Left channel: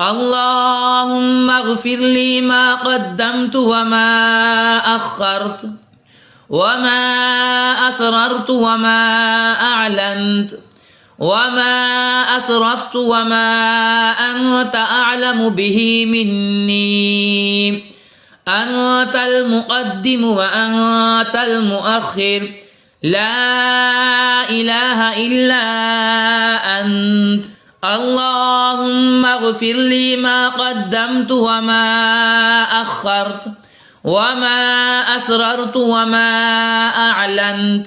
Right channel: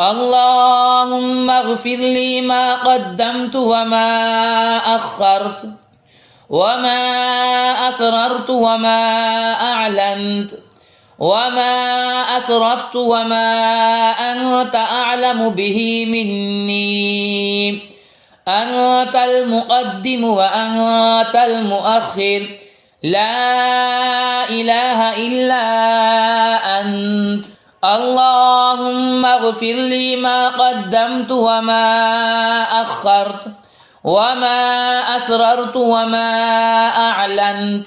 اللهم اغفر لي ما قدمت وما أخرت وما أسررت وما أعلنت وما أسرفت وما أنت أعلم به مني. أنت المقدم وأنت المؤخر، لا إله إلا أنت. اللهم اغفر لي ما قدمت وما أخرت وما أسررت وما أعلنت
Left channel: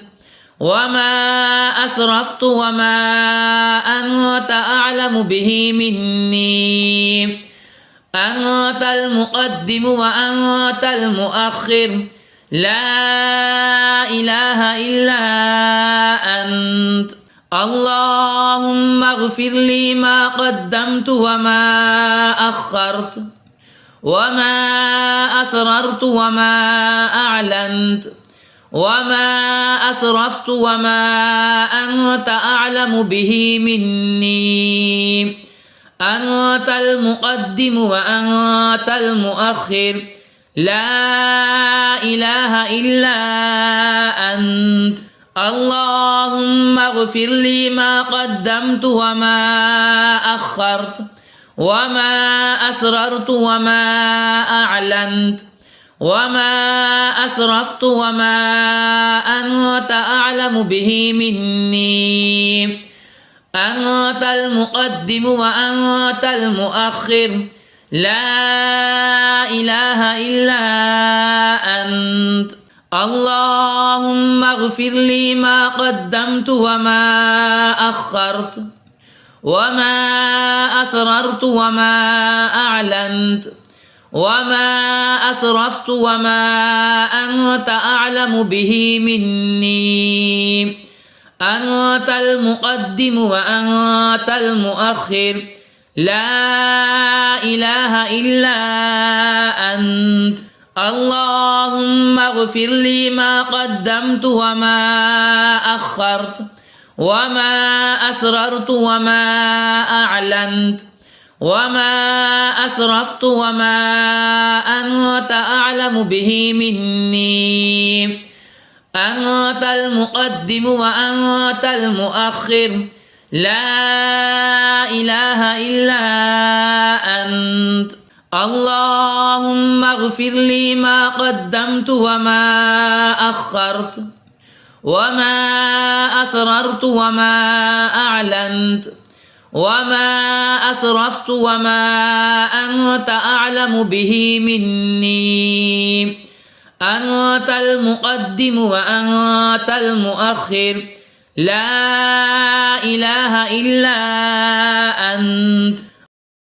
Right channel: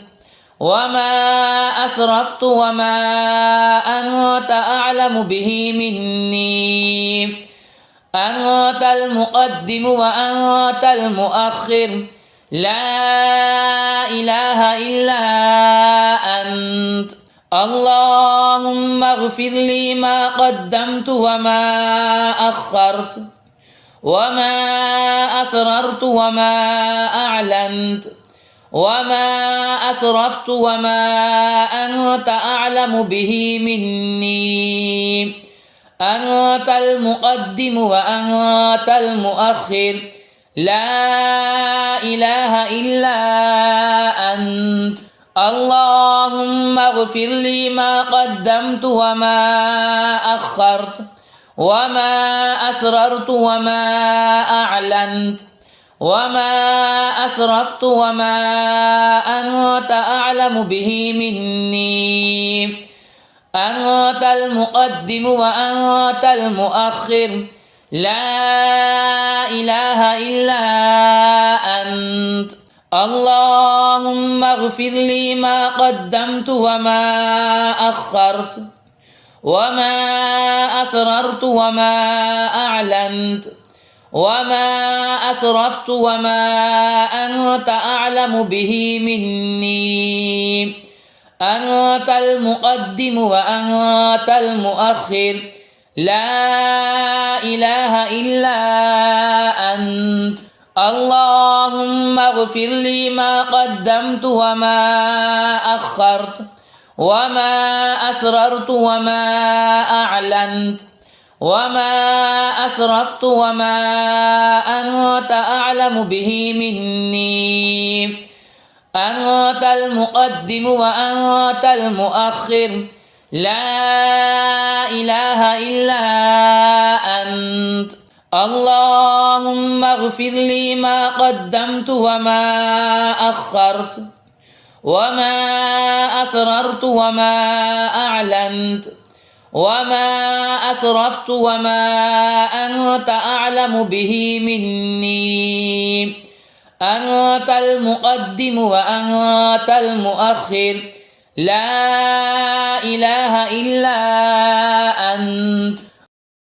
وما أسرفت وما أنت أعلم به مني. أنت المقدم وأنت المؤخر، لا إله إلا أنت. اللهم اغفر لي ما قدمت وما أخرت وما أسررت وما أعلنت وما أسرفت وما أنت أعلم به مني. أنت المقدم وأنت المؤخر، لا إله إلا أنت. اللهم اغفر لي ما قدمت وما أخرت وما أسررت وما أعلنت وما أسرفت وما أنت أعلم به مني. أنت المقدم وأنت المؤخر، لا إله إلا أنت. اللهم اغفر لي ما قدمت وما أخرت وما أسررت وما أعلنت وما أسرفت وما أنت أعلم به مني. أنت المقدم وأنت المؤخر، لا إله إلا أنت. اللهم اغفر لي ما قدمت وما أخرت وما أسررت وما أعلنت وما أسرفت وما أنت أعلم به مني. أنت المقدم وأنت المؤخر، لا إله إلا أنت. اللهم اغفر لي ما قدمت وما أخرت وما أسررت وما أعلنت وما أسرفت وما أنت أعلم به مني. أنت المقدم وأنت المؤخر، لا إله إلا